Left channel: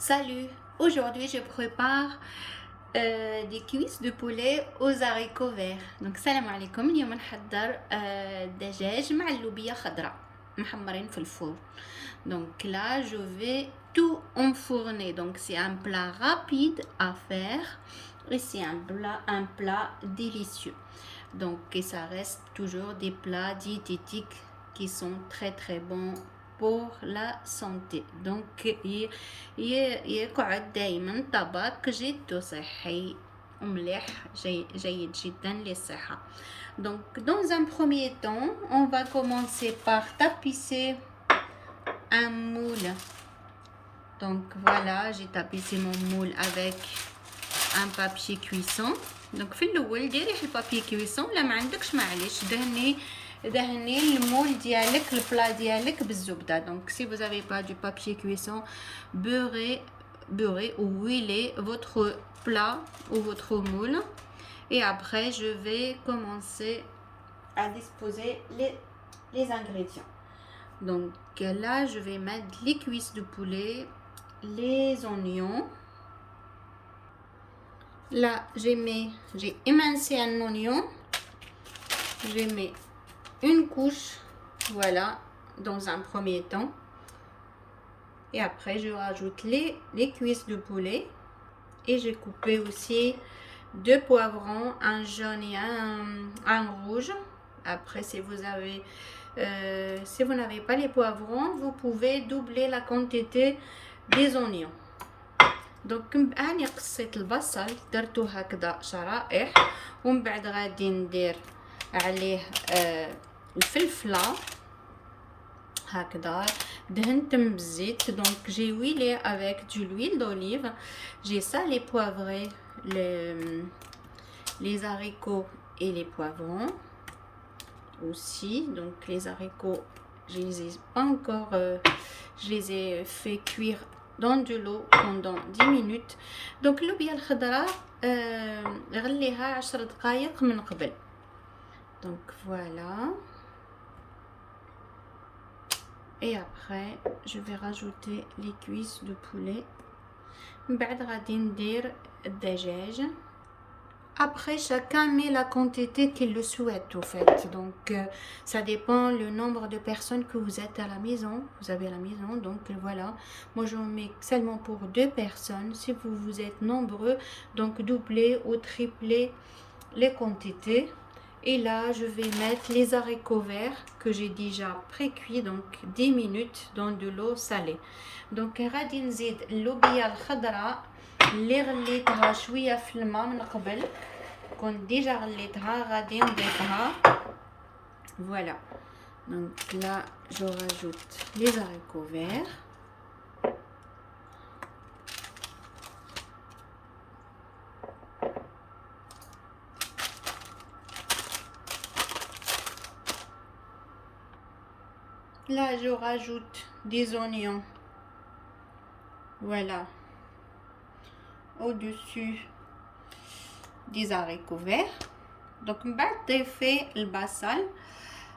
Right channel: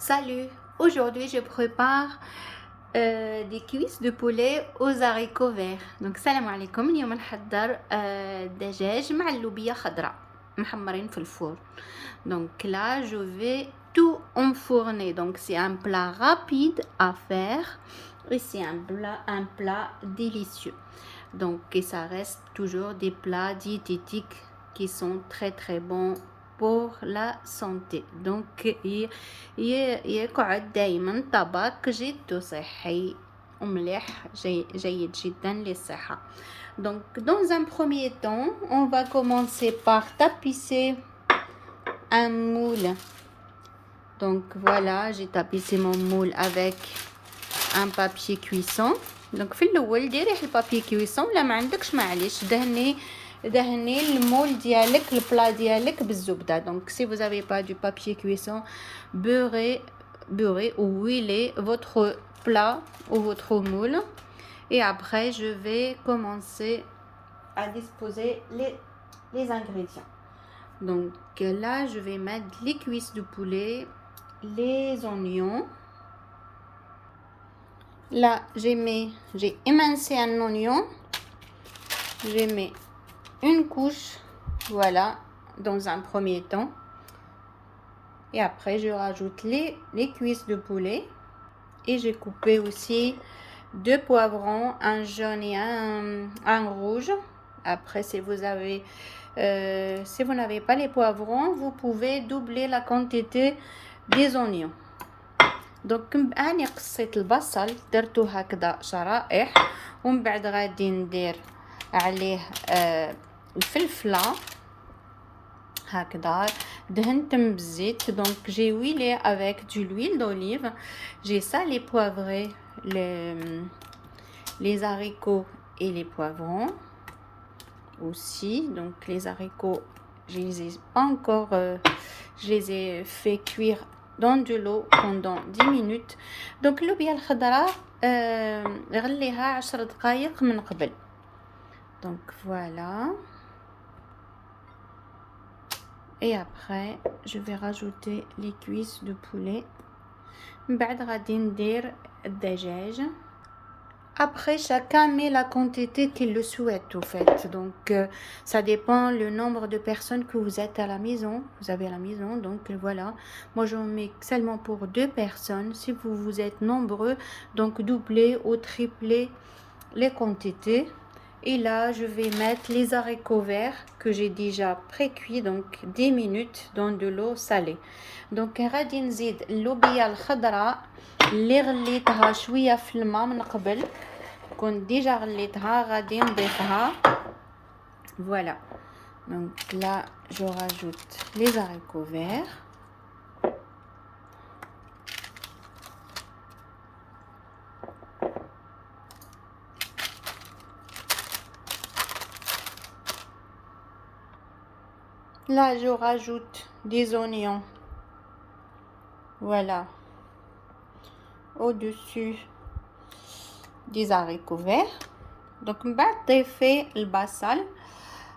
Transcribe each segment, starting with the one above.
Salut, aujourd'hui je prépare des cuisses de poulet aux haricots verts. Donc salam alaikum, اليوم نحضر دجاج مع اللوبيا خضراء محمرين في الفور. Donc là je vais tout enfourner. Donc c'est un plat rapide à faire et c'est un plat délicieux. Donc et ça reste toujours des plats diététiques qui sont très très bons pour la santé. Donc يقعد دايما طبق جد صحي ومليح جيد جدا للصحة. Donc dans un premier temps, on va commencer par tapisser un moule. Donc voilà, j'ai tapissé mon moule avec un papier cuisson. Donc في الاول ديري البابي كويسون ولا ما عندكش معليش دهني المول ديالك البلا ديالك بالزبده. Donc si vous n'avez pas du papier cuisson, beurrez ou huilez votre plat ou votre moule. Et après je vais commencer à disposer les ingrédients. Donc là je vais mettre les cuisses de poulet, les oignons. Là, j'ai émincé un oignon. Je mets une couche, voilà, dans un premier temps. Et après, je rajoute les cuisses de poulet. Et j'ai coupé aussi 2 poivrons, un jaune et un rouge. Après, si vous n'avez pas les poivrons, vous pouvez doubler la quantité des oignons. دونك اني قصيت البصل درتو هكذا شرائح ومن بعد غادي ندير عليه الفلفله هكذا دهنتهم بالزيت. دونك جي ويلي avec de l'huile d'olive. J'ai salé poivré les haricots et les poivrons aussi. Donc les haricots je les ai pas encore je les ai fait cuire dans de l'eau pendant 10 minutes. Donc اللوبيا الخضراء غليها 10 دقائق من قبل. Donc voilà. Et après je vais rajouter les cuisses de poulet. من بعد غادي ندير الدجاج. Après, chacun met la quantité qu'il le souhaite, au fait. Donc, ça dépend le nombre de personnes que vous êtes à la maison. Vous avez à la maison, donc voilà. Moi, j'en mets seulement pour 2 personnes. Si vous êtes nombreux, donc doublez ou triplez les quantités. Et là, je vais mettre les haricots verts que j'ai déjà pré-cuits, donc 10 minutes dans de l'eau salée. Donc, غادي نزيد اللوبيا الخضراء اللي غليتها شويه في الماء من قبل. كنت ديجا غليتها غادي نضيفها. Voilà. Donc là je rajoute les haricots verts. Là je rajoute des oignons. Voilà. Au-dessus des haricots verts. Donc من بعد ضيفي البصل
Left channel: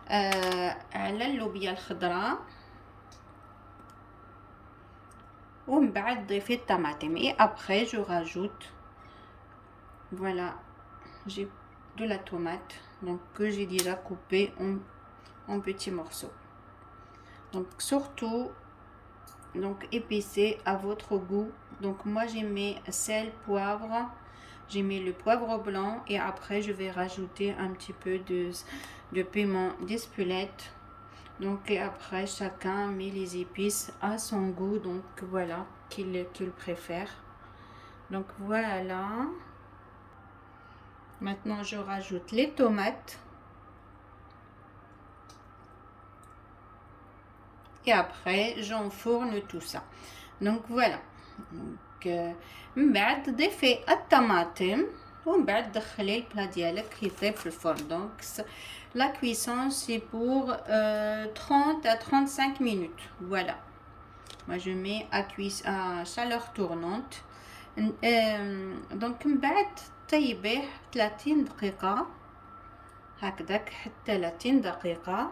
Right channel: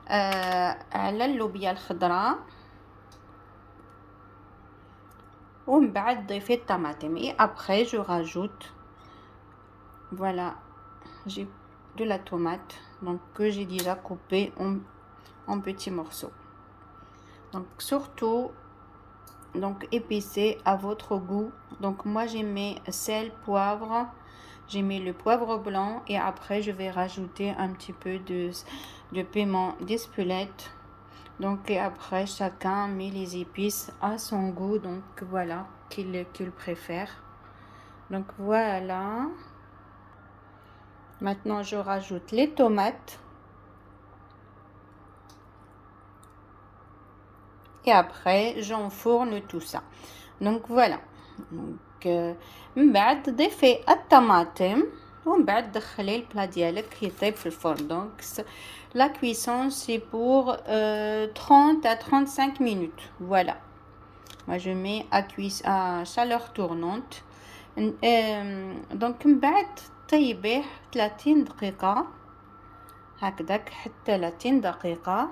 على اللوبيا الخضراء ومن بعد ضيفي الطماطم. Et après je rajoute, voilà, j'ai de la tomate donc que j'ai déjà coupé en petits morceaux. Donc surtout donc épicé à votre goût. Donc moi j'ai mis sel, poivre, j'ai mis le poivre blanc et après je vais rajouter un petit peu de piment d'Espelette. Donc et après chacun met les épices à son goût, donc voilà, qu'il préfère. Donc voilà. Maintenant je rajoute les tomates. Et après j'enfourne tout ça. Donc voilà. Donc من بعد ضيفي الطماطم ومن بعد دخلي البلا ديالك يطيب في الفرن. Donc la cuisson c'est pour 30 à 35 minutes. Voilà. Moi je mets à chaleur tournante. Donc من بعد طيبيه 30 دقيقة هكذاك حتى 30 دقيقة.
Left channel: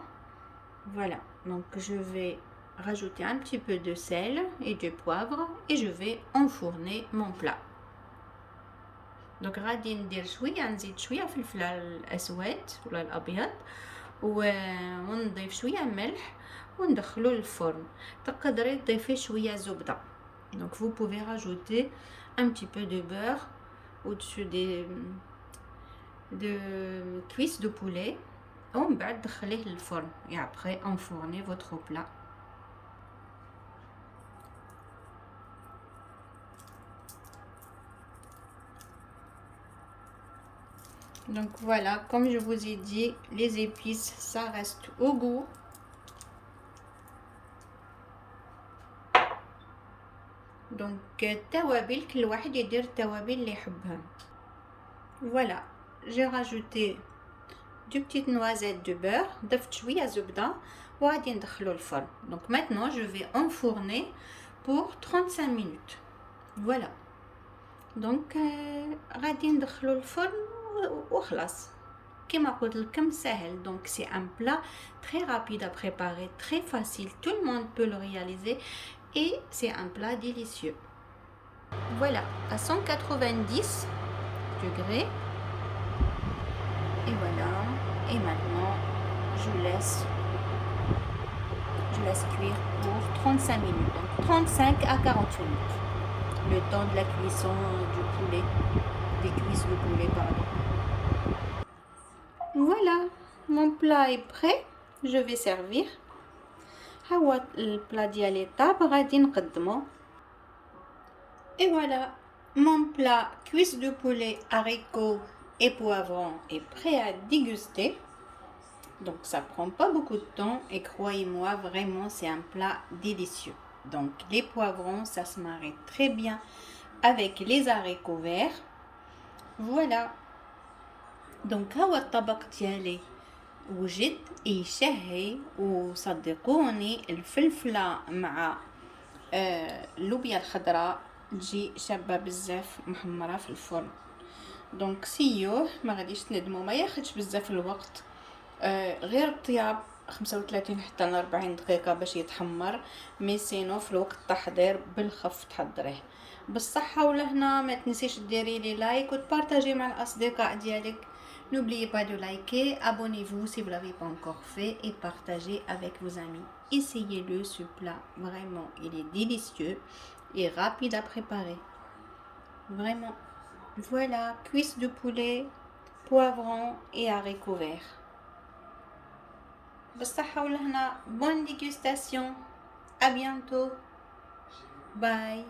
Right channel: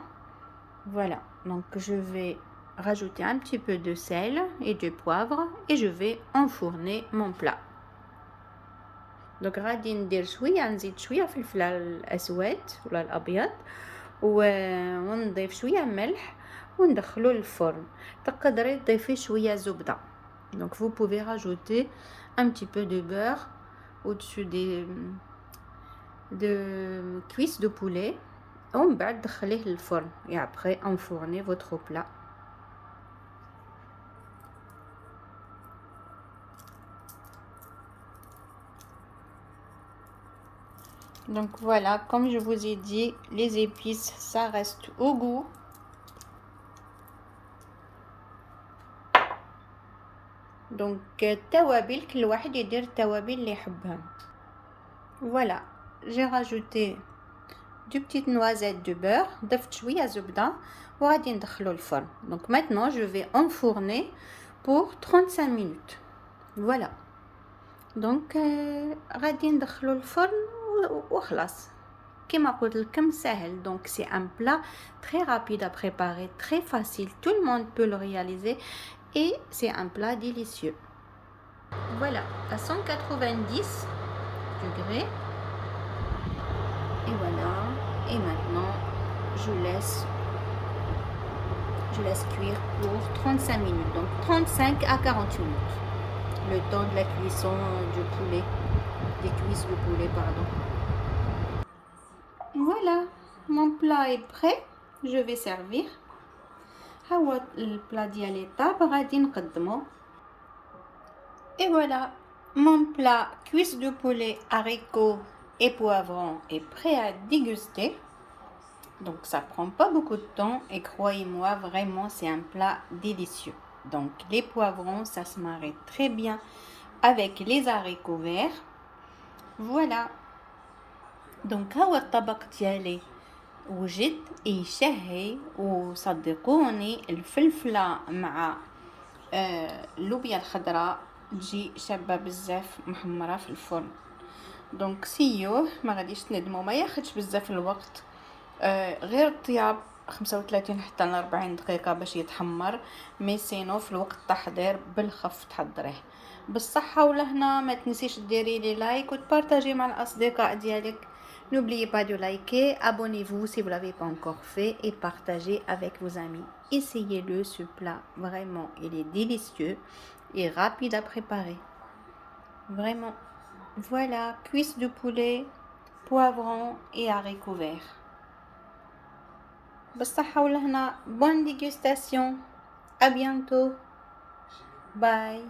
Voilà. Donc je vais rajouter un petit peu de sel et de poivre et je vais enfourner mon plat. Donc غادي ندير شويه نزيد شويه فلفل الاسود ولا الابيض ونضيف شويه ملح وندخلو للفرن. تقدري تضيفي شويه زبده. Donc vous pouvez rajouter un petit peu de beurre au-dessus de cuisses de poulet ومن بعد دخليه للفرن et après enfournez votre plat. Donc voilà, comme je vous ai dit, les épices, ça reste au goût. Donc التوابل كل واحد يدير التوابل اللي يحبها. Voilà, j'ai rajouté du petites noisettes de beurre, ضفت شوية زبدة وغادي ندخلو الفرن. Donc maintenant je vais enfourner pour 35 minutes. Voilà. Donc غادي ندخلو الفرن وخلاص. كما قلت لكم سهل. Donc c'est un plat très rapide à préparer, très facile, tout le monde peut le réaliser et c'est un plat délicieux. Voilà, à 190 degrés. Et voilà. Et maintenant, je laisse cuire pour 35 minutes. Donc 35 à 40 minutes. Le temps de la cuisson du poulet, des cuisses de poulet, pardon. Voilà, mon plat est prêt. Je vais servir. هو البلا ديالي طاب غادي نقدمه. Et voilà, mon plat cuisse de poulet, haricots et poivrons est prêt à déguster. Donc ça prend pas beaucoup de temps et croyez-moi, vraiment c'est un plat délicieux. Donc les poivrons, ça se marie très bien avec les haricots verts. Voilà. Donc هو الطبق ديالي وجد يشهي وصدقوني الفلفلة مع اللوبيا الخضراء تجي شابة بزاف محمرة في الفرن. دونك سيوه ما غاديش تندموا، ما ياخدش بزاف الوقت، غير الطياب 35 حتى ل 40 دقيقة باش يتحمر. مي سينو في الوقت التحضير بالخف تحضريه. بالصحة والهنا، ما تنسيش ديري لي لايك وتبارطاجي مع الأصدقاء ديالك. N'oubliez pas de liker, abonnez-vous si vous ne l'avez pas encore fait et partagez avec vos amis. Essayez-le, ce plat, vraiment, il est délicieux et rapide à préparer. Vraiment. Voilà, cuisses de poulet, poivrons et haricots verts. بالصحة والهنا. Bonne dégustation. À bientôt. Bye.